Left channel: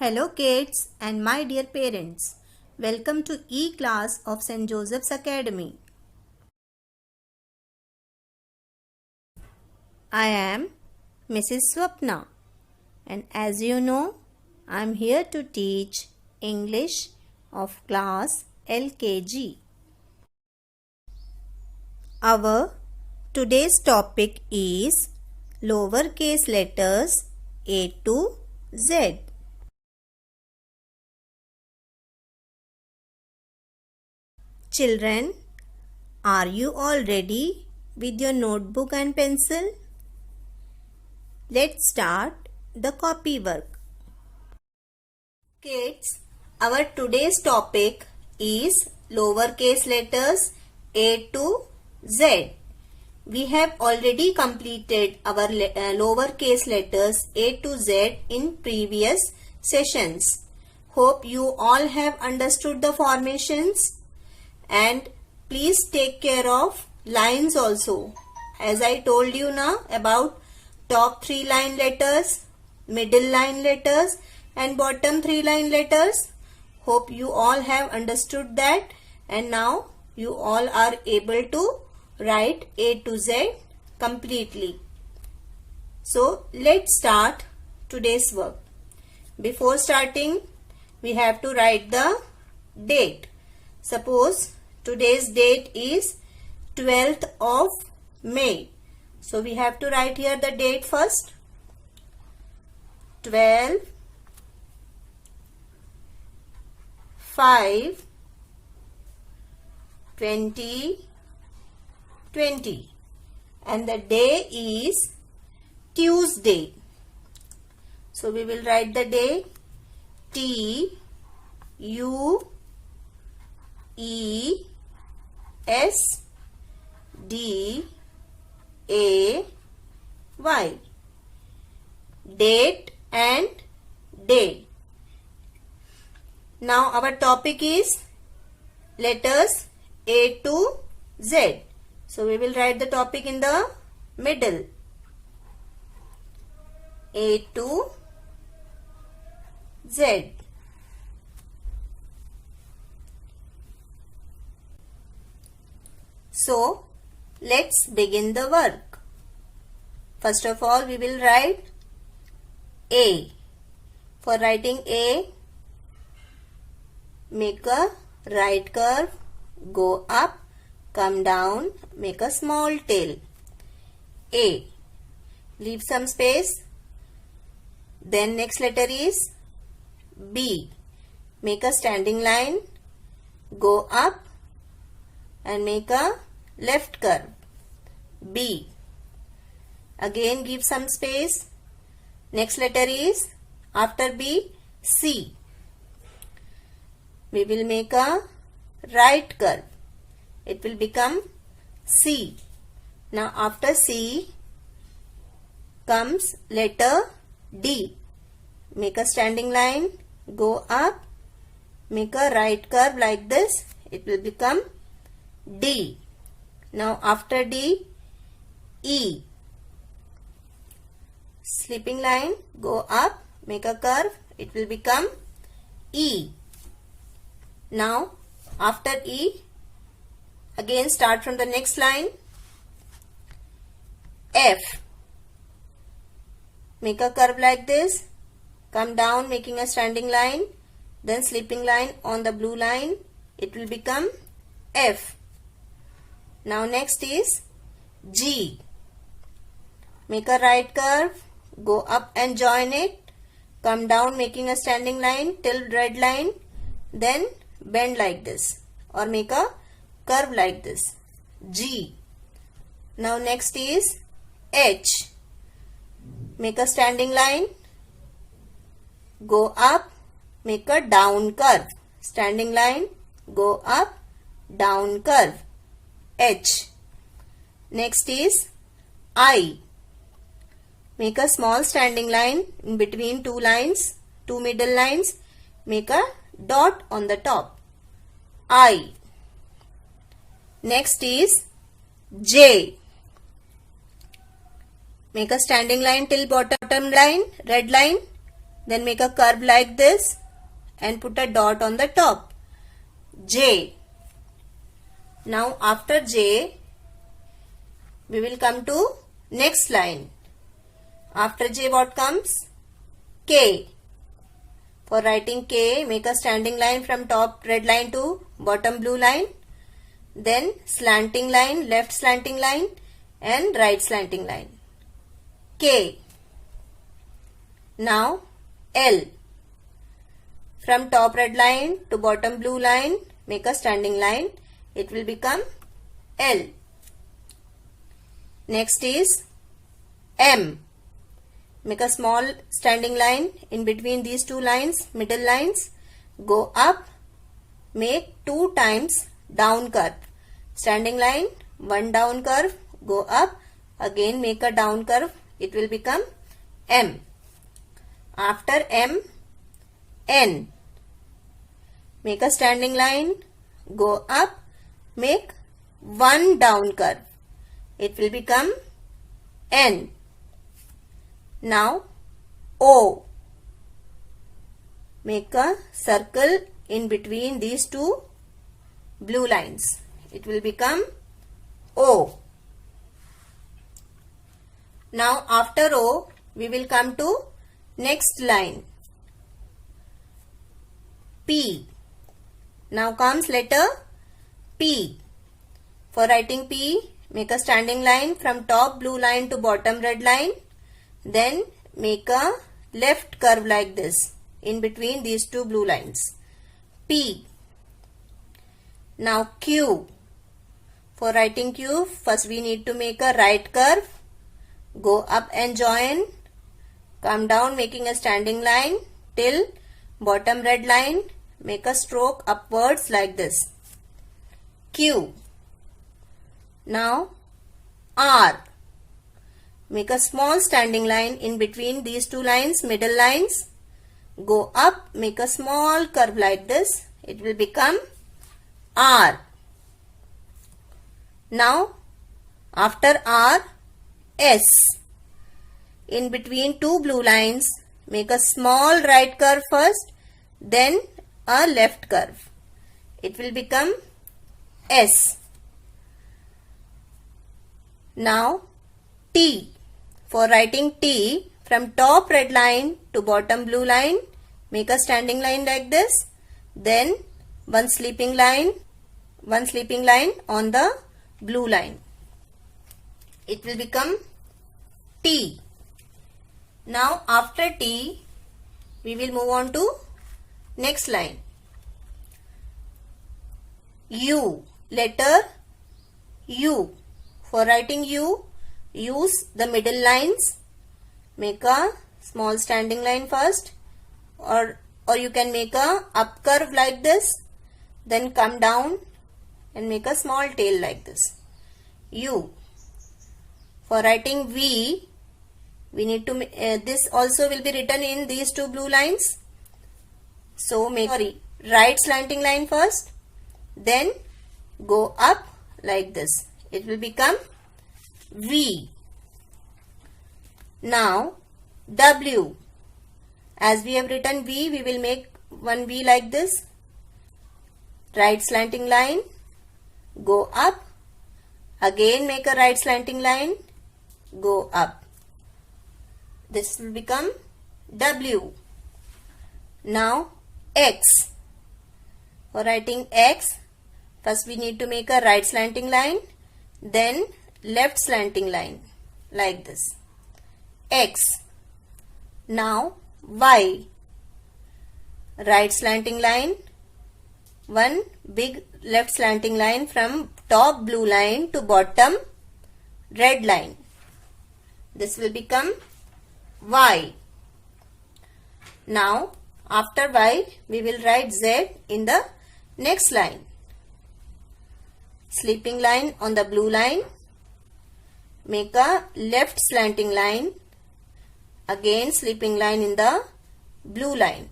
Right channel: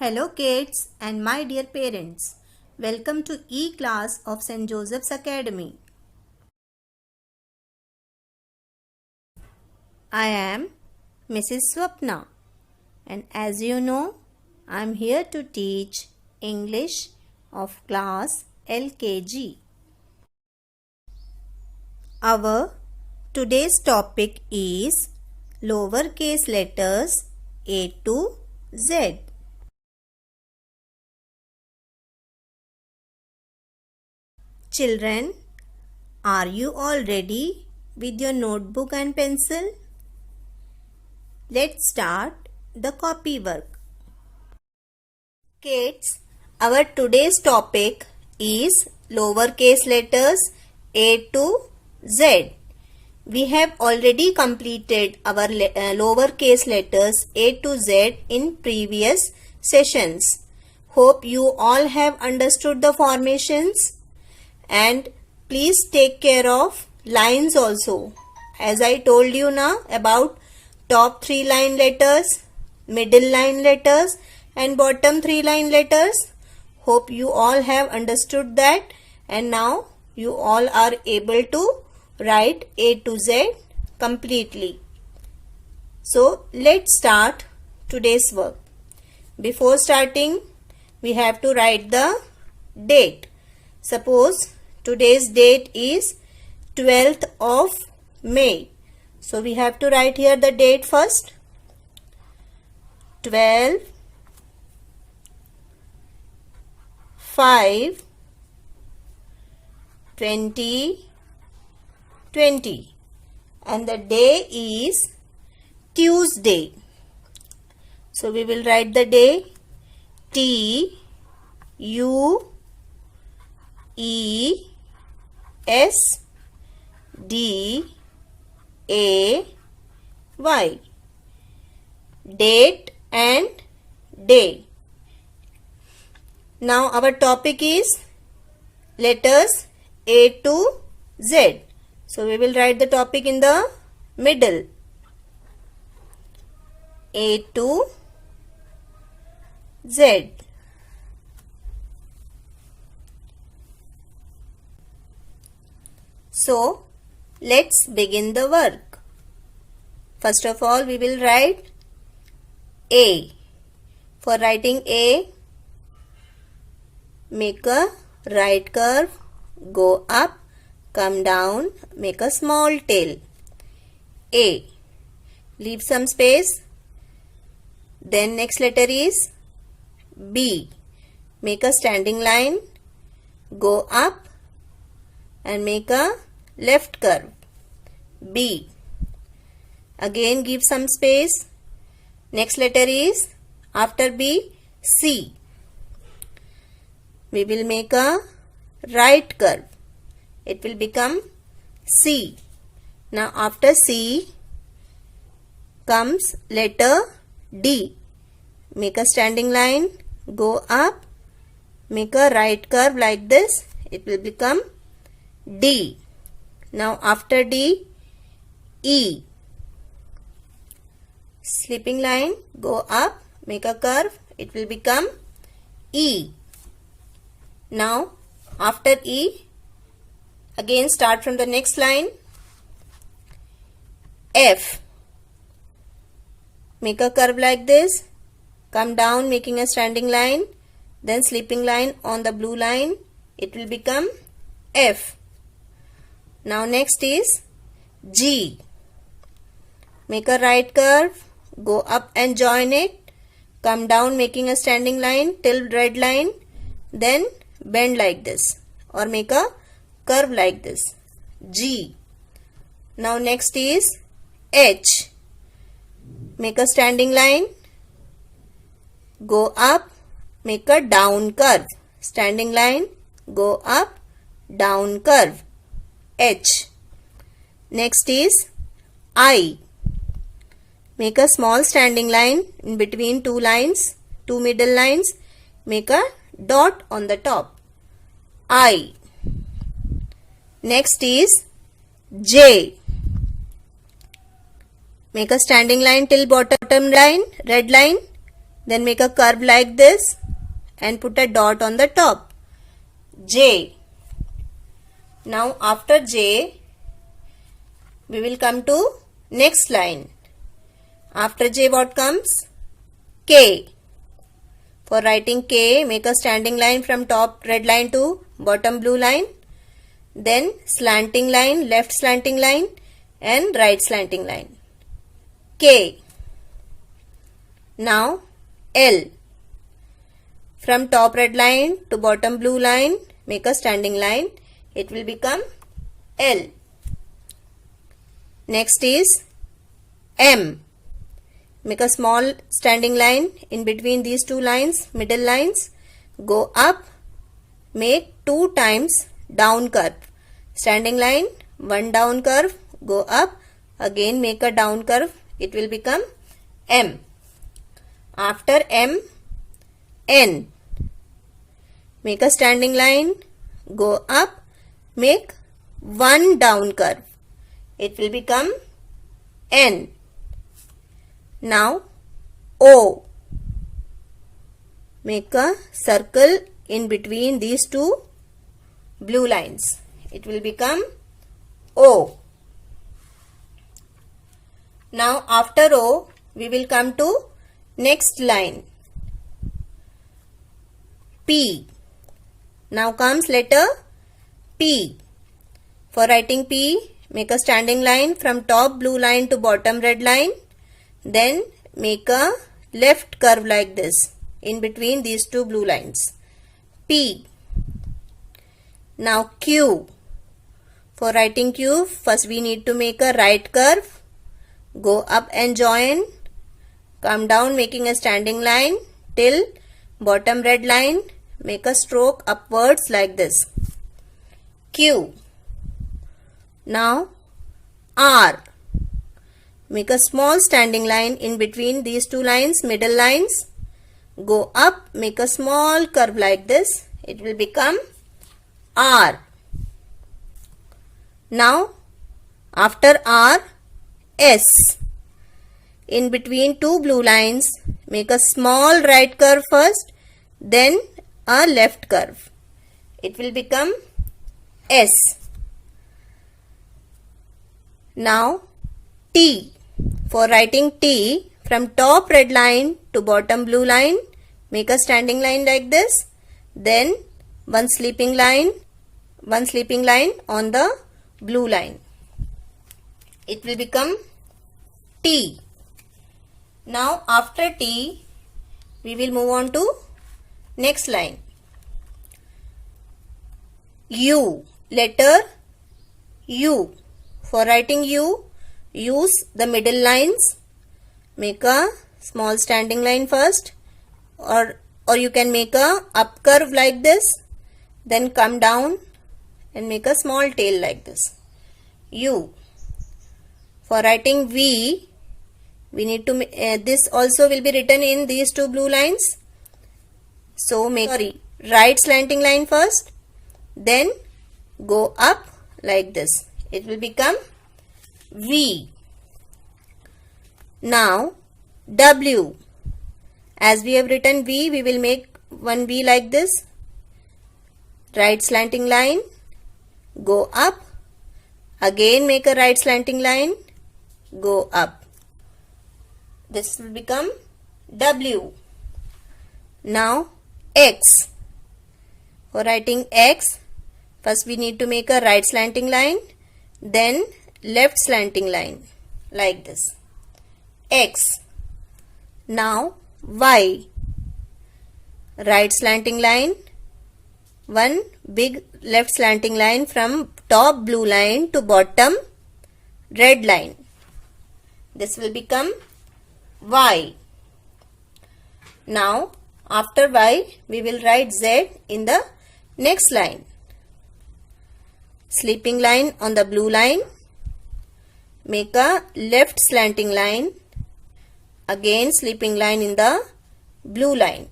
Hello kids and my dear parents. Welcome to E-class of St. Joseph's Academy. I am Mrs. Swapna and as you know, I am here to teach English of class LKG. Our today's topic is lowercase letters A to Z. Children, are you all ready with your notebook and pencil? Let's start the copy work. Kids, our today's topic is lowercase letters A to Z. We have already completed our lowercase letters A to Z in previous sessions. Hope you all have understood the formations. And please take care of lines also. As I told you now about top 3 line letters, middle line letters and bottom 3 line letters. Hope you all have understood that and now you all are able to write A to Z completely. So let's start today's work. Before starting, we have to write the date. Suppose today's date is 12th of May. So we have to write here the date first. 12 5 2020 and the day is Tuesday. So we will write the day T U E S D A Y, date and day. Now our topic is letters A to Z. So we will write the topic in the middle. A to Z. So, let's begin the work. First of all, we will write A. For writing A, make a right curve, go up, come down, make a small tail. A. Leave some space. Then next letter is B. Make a standing line, go up and make a left curve. B. Again give some space. Next letter is after B, C. We will make a right curve. It will become C. Now after C comes letter D. Make a standing line, go up, make a right curve like this. It will become D. Now after D, E. Slipping line, go up, make a curve, it will become E. Now after E, again start from the next line, F. Make a curve like this, come down making a standing line, then slipping line on the blue line, it will become F. Now next is G. Make a right curve, go up and join it, come down making a standing line till red line, then bend like this or make a curve like this. G. Now next is H. Make a standing line, go up, make a down curve, standing line, go up, down curve. H. Next is I. Make a small standing line in between two lines, two middle lines. Make a dot on the top. I. Next is J. Make a standing line till bottom line, red line. Then make a curve like this and put a dot on the top. J. Now after J, we will come to next line. After J what comes? K. For writing K, make a standing line from top red line to bottom blue line. Then slanting line, left slanting line and right slanting line. K. Now L. From top red line to bottom blue line, make a standing line. It will become L. Next is M. Make a small standing line in between these two lines, middle lines. Go up, make 2 times down curve. Standing line, 1 down curve, go up, again make a down curve. It will become M. After M, N. Make a standing line, go up, make 1 down curve. It will become N. Now O. Make a circle in between these two blue lines. It will become O. Now after O, we will come to next line. P. Now comes letter P. For writing P, make a standing line from top blue line to bottom red line. Then make a left curve like this in between these two blue lines. P. Now Q. For writing Q, first we need to make a right curve. Go up and join. Come down making a standing line till bottom red line. Make a stroke upwards like this. Q. Now R. Make a small standing line in between these two lines, middle lines. Go up, make a small curve like this. It will become R. Now, after R, S. In between two blue lines, make a small right curve first, then a left curve. It will become S. Now, T. For writing T, from top red line to bottom blue line, make a standing line like this. Then one sleeping line on the blue line. It will become T. Now after T, we will move on to next line. U. Letter U. For writing U, use the middle lines. Make a small standing line first, or you can make a up curve like this, then come down and make a small tail like this. U. For writing V, we need to this also will be written in these two blue lines. So make right slanting line first, then go up like this. It will become V. Now W. As we have written V, we will make one V like this. Right slanting line, go up, again make a right slanting line, go up. This will become W. Now X. For writing X, first we need to make a right slanting line, then left slanting line like this. X. Now Y. Right slanting line, one big left slanting line from top blue line to bottom red line. This will become Y. Now after Y, we will write Z in the next line. Sleeping line on the blue line. Make a left slanting line. Again sleeping line in the blue line.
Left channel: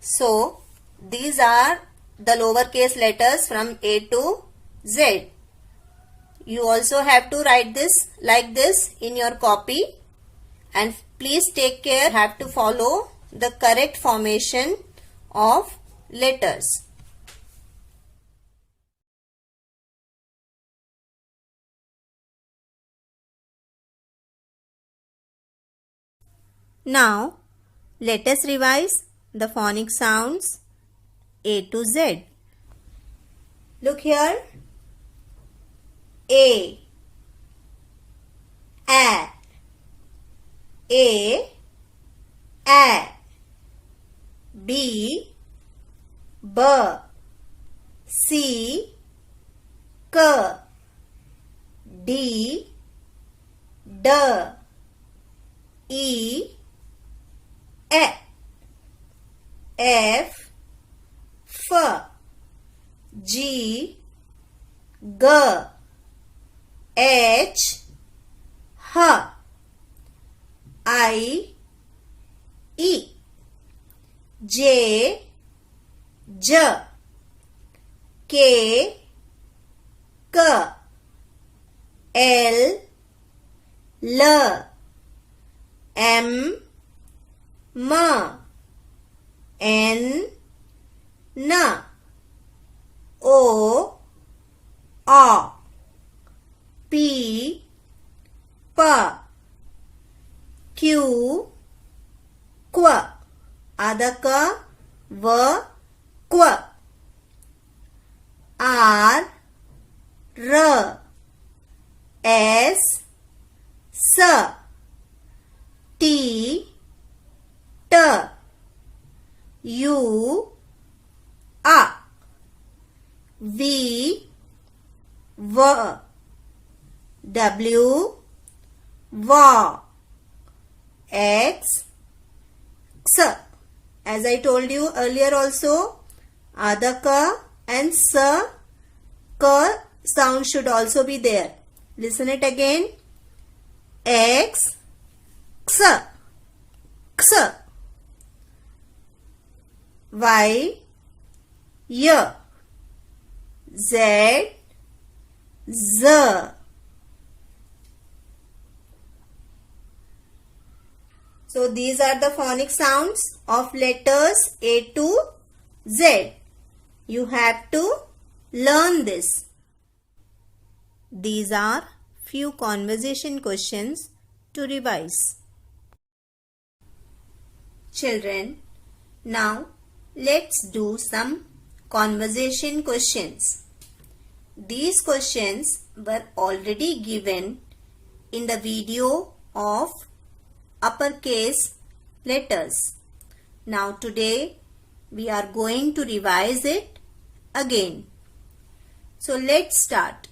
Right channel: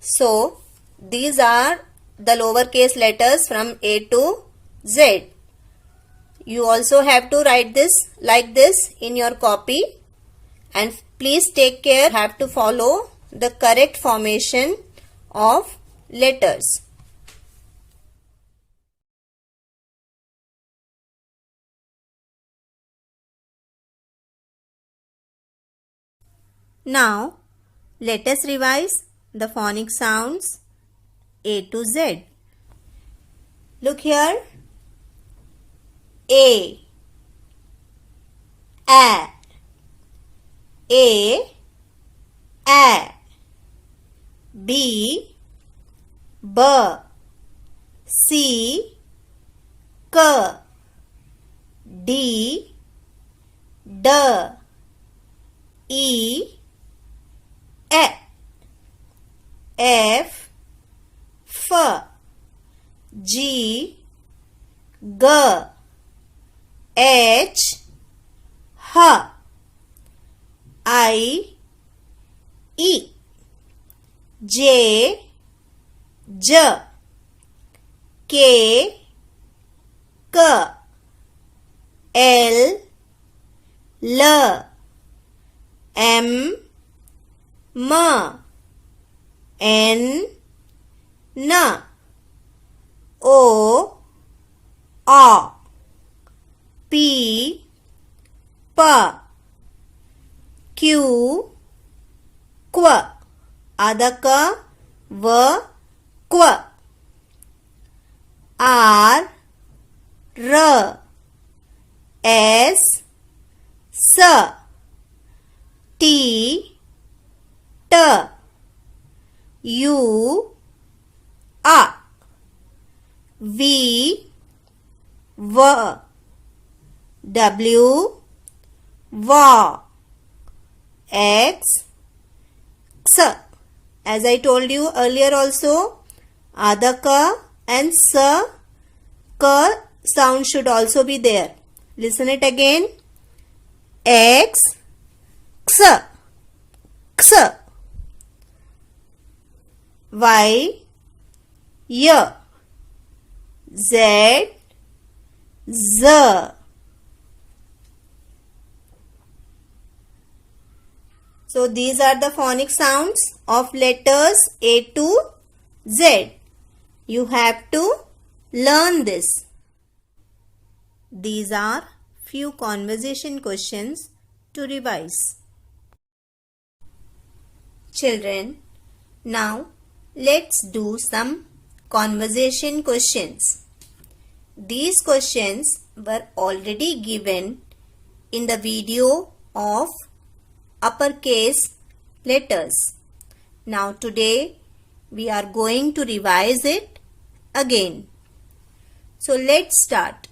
So these are the lowercase letters from A to Z. You also have to write this like this in your copy, and Please take care. You have to follow the correct formation of letters. Now, let us revise the phonic sounds A to Z. Look here. A, A, B, B, C, K, D, D, E, F, F, G, G, H, H, I, E, J, J, K, K, L, L, M, M, N, N, O, A, P, P, Q, Q, Adaka, V, Q, R, R, S, S, T, T, U, A, V, V, W, V, X, X. As I told you earlier also, Adha Ka and Sa, Ka sound should also be there. Listen it again. X, X, X. Y, Y, Z, Z. So these are the phonic sounds of letters A to Z. You have to learn this. These are few conversation questions to revise. Children, now let's do some conversation questions. These questions were already given in the video of uppercase letters. Now today we are going to revise it again. So let's start.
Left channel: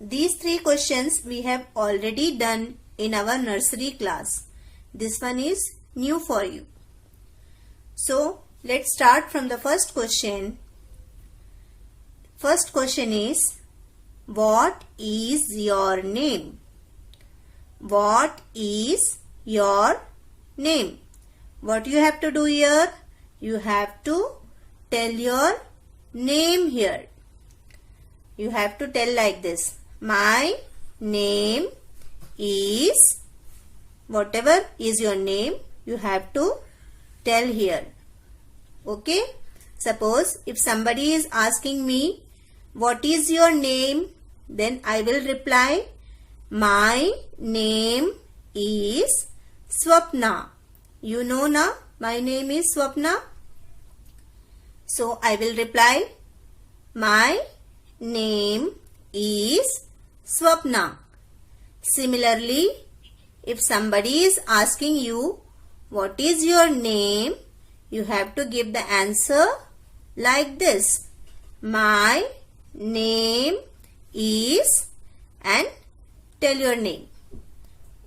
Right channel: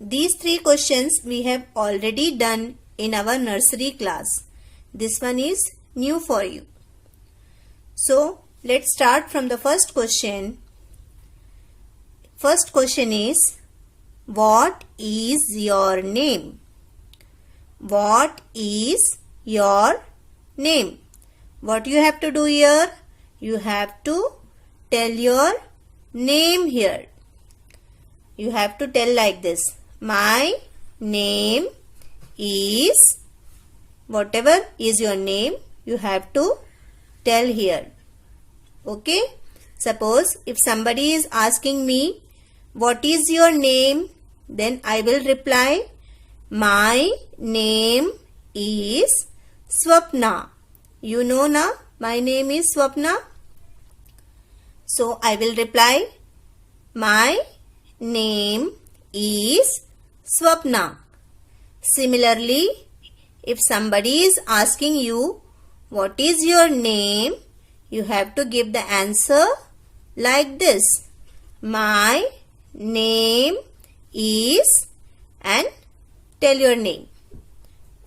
These three questions we have already done in our nursery class. This one is new for you. So let's start from the first question. First question is, what is your name? What is your name? What you have to do here? You have to tell your name here. You have to tell like this. My name is, whatever is your name, you have to tell here. Okay? Suppose if somebody is asking me, what is your name? Then I will reply, my name is Swapna. You know na, my name is Swapna. So I will reply, my name is Swapna. Similarly, if somebody is asking you, what is your name? You have to give the answer like this. My name is, and tell your name.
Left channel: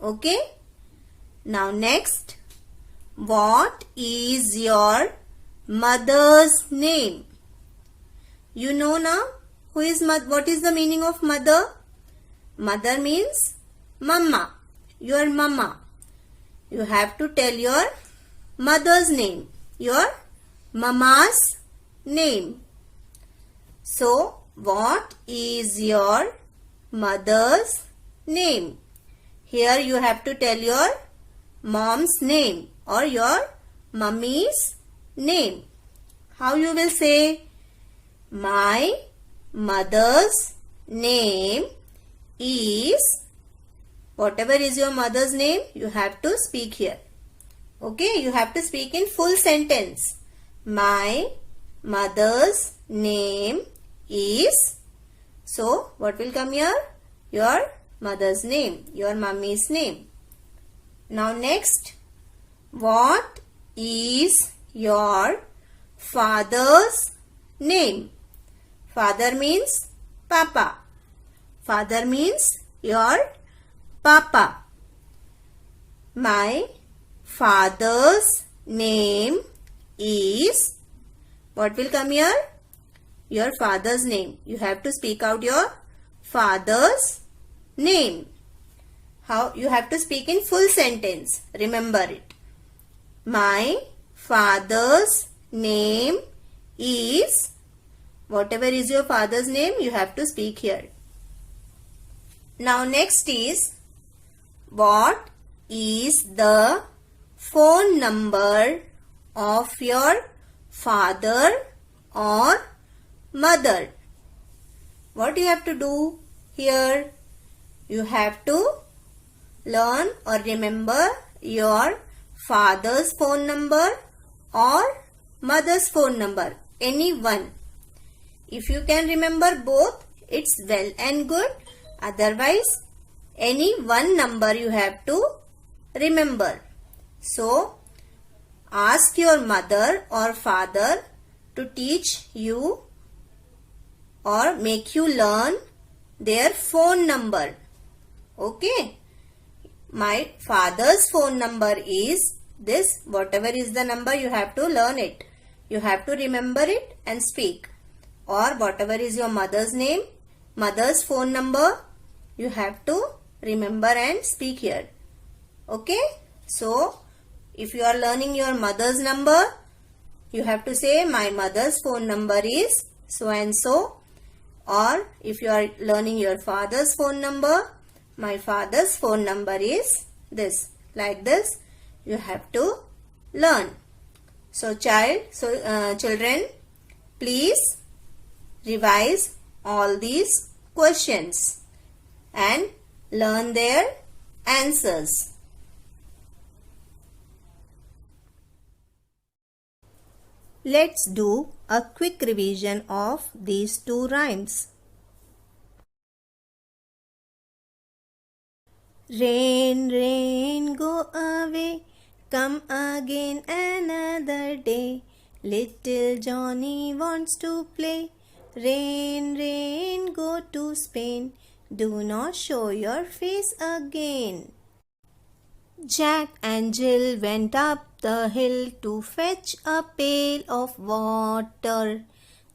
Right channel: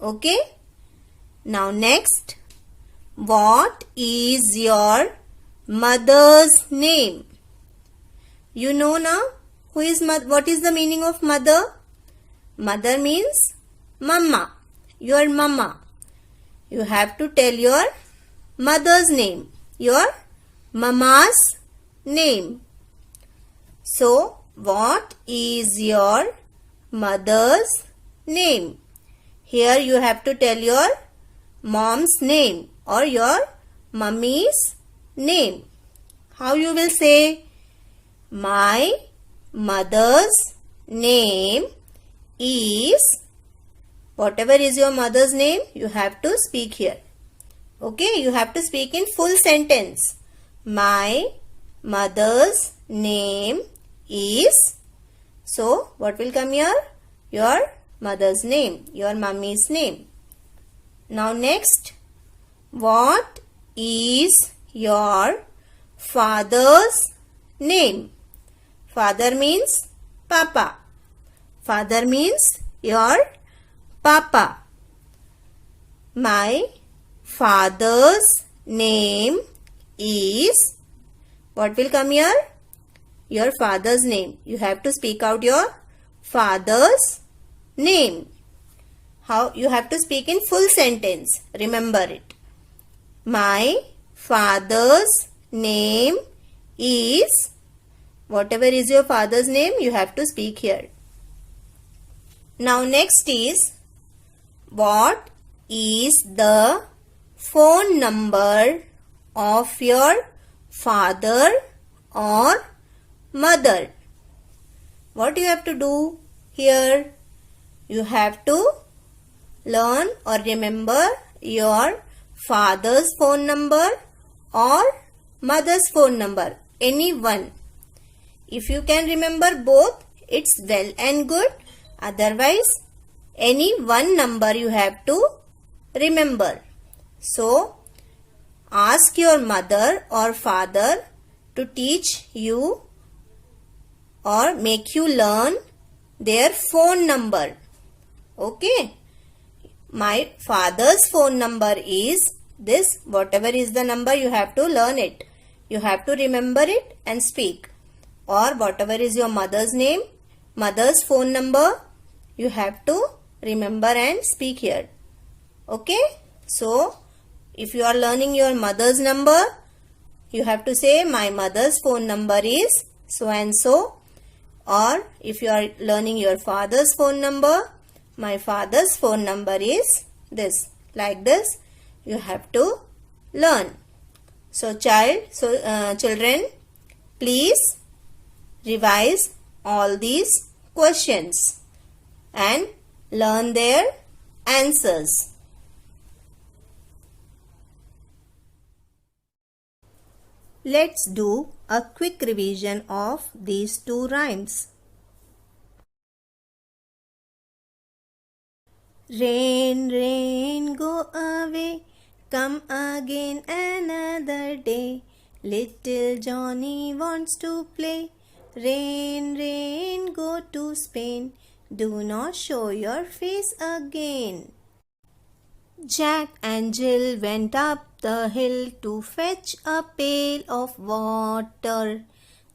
Okay? Now next, what is your mother's name? You know now, what is the meaning of mother? Mother means mama, your mama. You have to tell your mother's name, your mama's name. So, what is your mother's name? Here you have to tell your mom's name or your mummy's name? How you will say? My mother's name is, whatever is your mother's name, you have to speak here. Okay, you have to speak in full sentence. My mother's name is. So, what will come here? Your mother's name, your mummy's name. Now next, what is your father's name? Father means Papa. Father means your Papa. My father's name is, what will come here? Your father's name. You have to speak out your father's name. How? You have to speak in full sentence. Remember it. My father's name is, whatever is your father's name, you have to speak here. Now next is, what is the phone number of your father or mother? What you have to do here? You have to learn or remember your father's phone number or mother's phone number, any one. If you can remember both, it's well and good. Otherwise, any one number you have to remember. So, ask your mother or father to teach you or make you learn their phone number. Okay. My father's phone number is this. Whatever is the number, you have to learn it. You have to remember it and speak. Or whatever is your mother's name, mother's phone number, you have to remember and speak here. Okay. So, if you are learning your mother's number, you have to say my mother's phone number is so and so. Or if you are learning your father's phone number, my father's phone number is this. Like this, you have to learn. So children, please revise all these questions and learn their answers. Let's do a quick revision of these two rhymes. Rain, rain, go away, come again another day. Little Johnny wants to play. Rain, rain, go to Spain. Do not show your face again. Jack and Jill went up the hill to fetch a pail of water.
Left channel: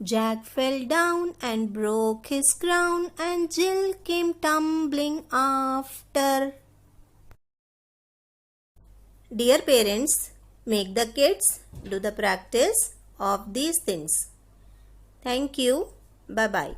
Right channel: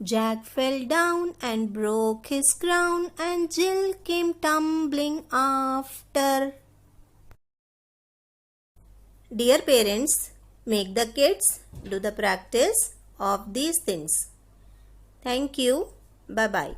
Jack fell down and broke his crown, and Jill came tumbling after. Dear parents, make the kids do the practice of these things. Thank you. Bye-bye.